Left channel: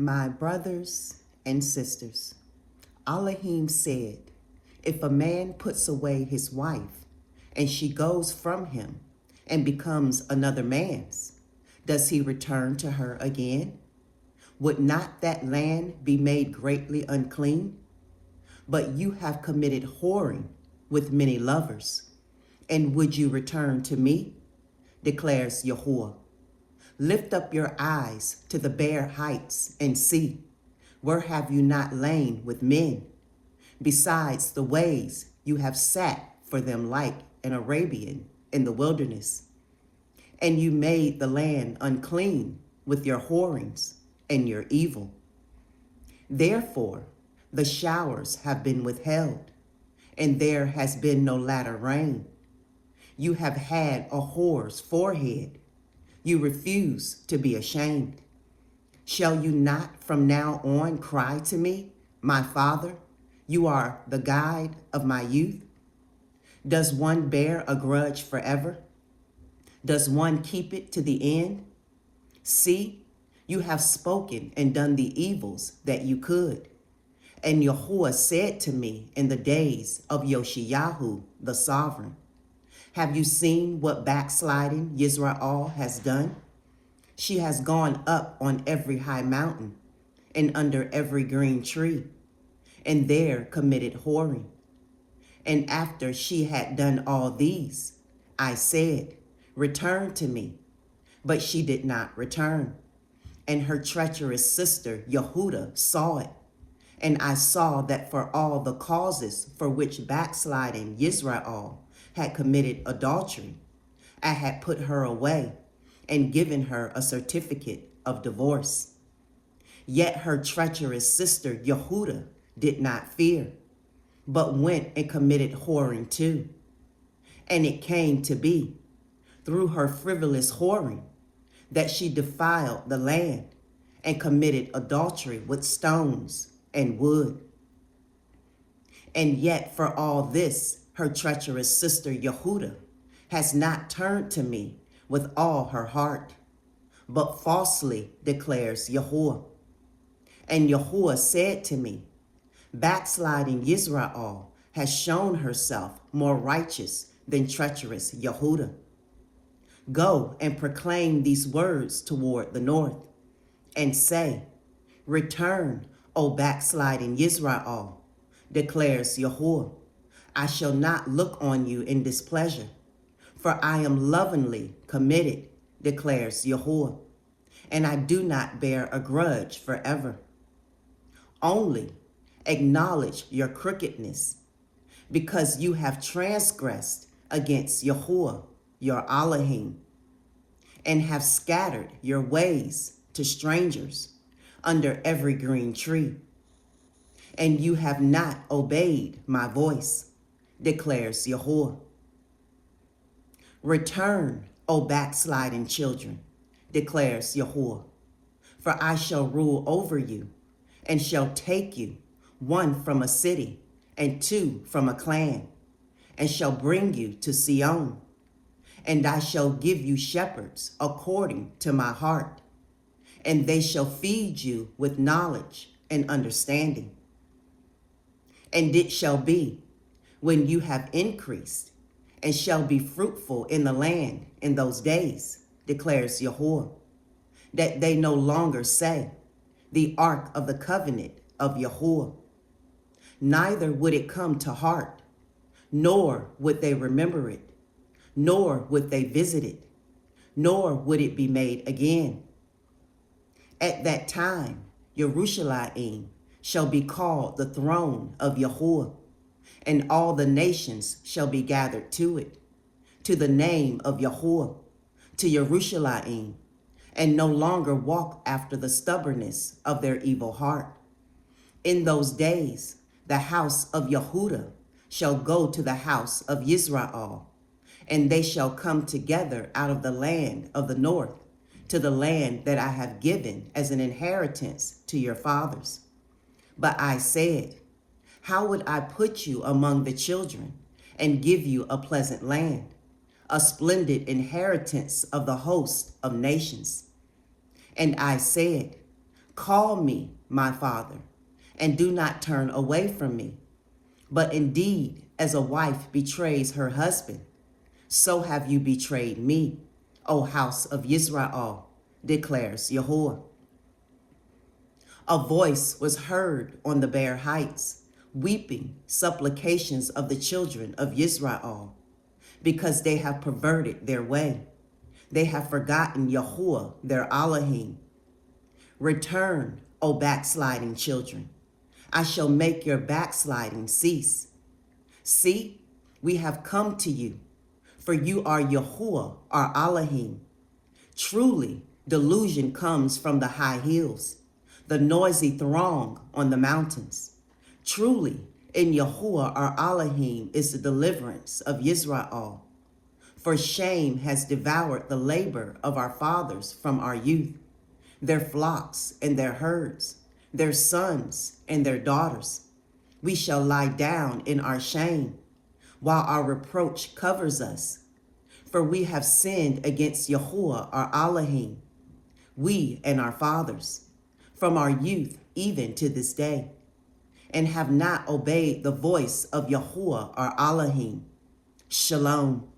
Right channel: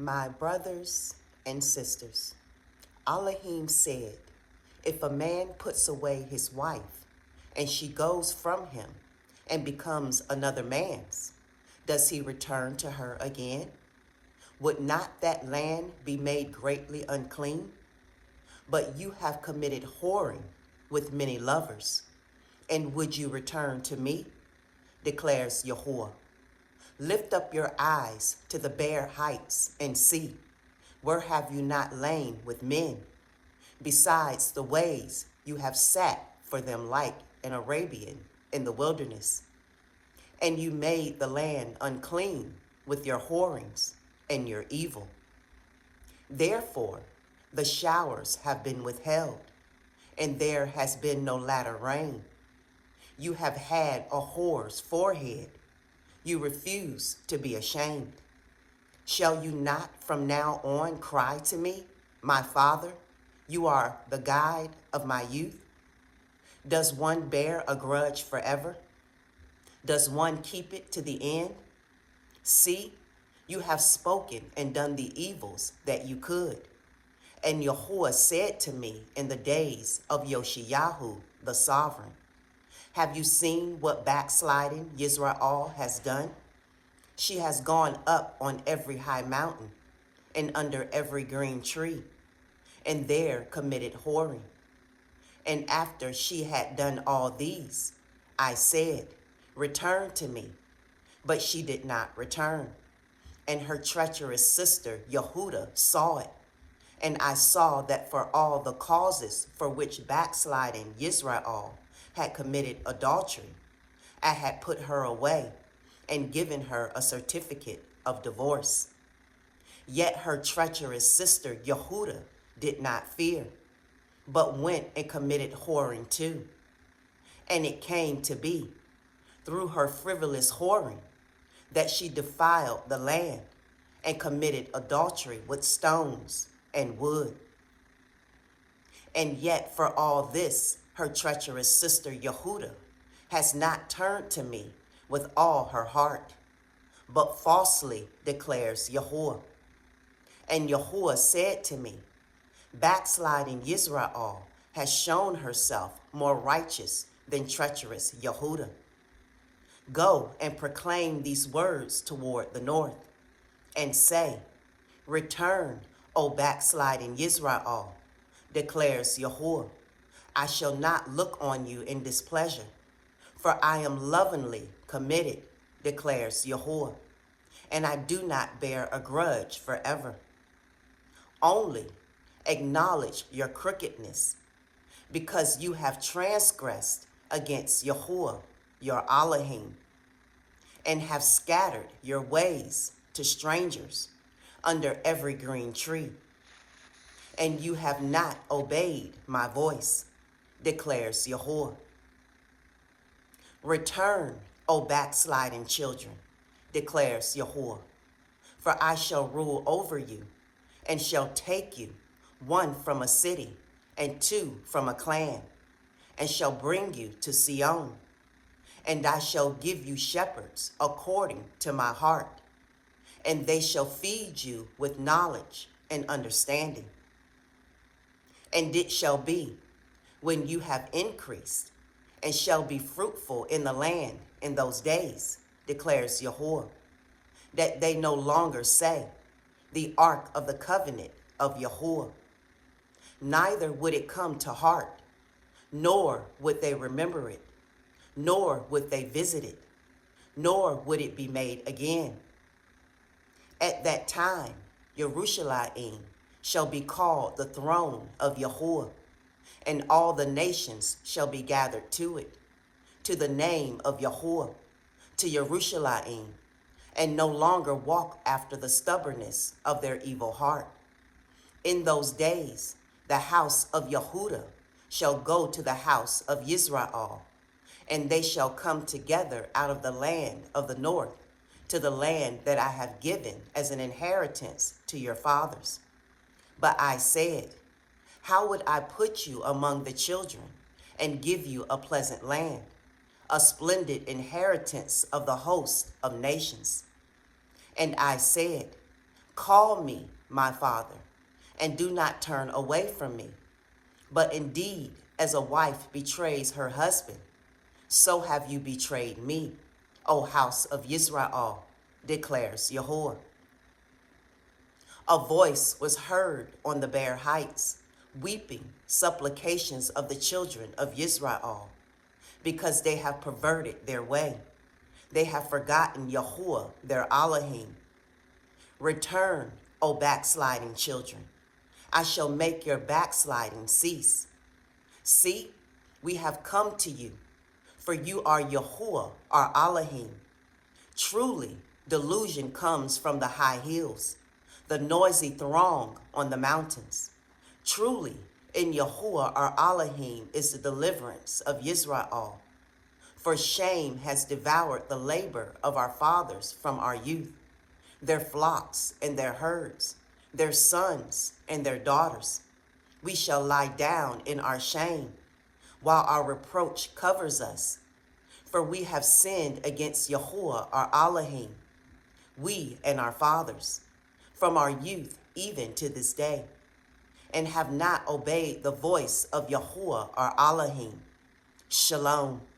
My brothers and sisters, Elohim said, if a man puts away his wife and she goes from him and becomes another man's, does he return to her again? Would not that land be made greatly unclean? But you have committed whoring with many lovers. And would you return to me? Declares Yahuwah. Lift up your eyes to the bare heights and see, where have you not lain with men? Besides the ways you have sat for them like an Arabian in the wilderness. And you made the land unclean with your whorings and your evil. Therefore, the showers have been withheld, and there has been no latter rain. You have had a whore's forehead. You refuse to be ashamed. Shall you not from now on cry to me, my Father? You are the guide of my youth. Does one bear a grudge forever? Does one keep it to the end? See, you have spoken and done the evils that you could. And Yahuwah said to me in the days of Yoshiyahu, the sovereign, have you seen what backsliding Yisrael has done? She has gone up on every high mountain and under every green tree, and there committed whoring. And after she had done all these, I said, return to me. But she did not return. And her treacherous sister Yehuda saw it. And I saw that for all the causes for which backsliding Yisrael had committed adultery, I had put her away and given her a certificate of divorce. Yet her treacherous sister Yehuda did not fear, but went and committed whoring too. And it came to be, through her frivolous whoring, that she defiled the land and committed adultery with stones and wood. And yet for all this, her treacherous sister Yehuda has not turned to me with all her heart, but falsely declares Yahuwah. And Yahuwah said to me, backsliding Yisrael has shown herself more righteous than treacherous Yehuda. Go and proclaim these words toward the north, and say, return, O backsliding Yisrael, declares Yahuwah. I shall not look on you in displeasure, for I am lovingly committed, declares Yahuwah, and I do not bear a grudge forever. Only acknowledge your crookedness, because you have transgressed against Yahuwah, your Elohim, and have scattered your ways to strangers under every green tree. And you have not obeyed my voice, declares Yahuwah. Return, O backsliding children, declares Yahuwah, for I shall rule over you, and shall take you, one from a city, and two from a clan, and shall bring you to Sion. And I shall give you shepherds according to my heart, and they shall feed you with knowledge and understanding. And it shall be, when you have increased, and shall be fruitful in the land in those days, declares Yahuwah, that they no longer say, the ark of the covenant of Yahuwah. Neither would it come to heart, nor would they remember it, nor would they visit it, nor would it be made again. At that time, Yerushalayim shall be called the throne of Yahuwah, and all the nations shall be gathered to it, to the name of Yahuwah, to Yerushalayim, and no longer walk after the stubbornness of their evil heart. In those days, the house of Yehuda shall go to the house of Yisrael, and they shall come together out of the land of the north to the land that I have given as an inheritance to your fathers. But I said, how would I put you among the children and give you a pleasant land, a splendid inheritance of the host of nations? And I said, Call me my Father, and do not turn away from me. But indeed, as a wife betrays her husband, so have you betrayed me, O house of Israel, declares Yahuwah. A voice was heard on the bare heights, weeping supplications of the children of Israel, because they have perverted their way. They have forgotten Yahuwah, their Elohim. Return, O backsliding children. I shall make your backsliding cease. See, we have come to you, for you are Yahuwah, our Elohim. Truly, delusion comes from the high hills, the noisy throng on the mountains. Truly, in Yahuwah, our Elohim, is the deliverance of Israel. For shame has devoured the labor of our fathers from our youth, their flocks and their herds, their sons and their daughters. We shall lie down in our shame, while our reproach covers us. For we have sinned against Yahuwah, our Elohim, we and our fathers, from our youth even to this day, and have not obeyed the voice of Yahuwah, our Elohim. Shalom.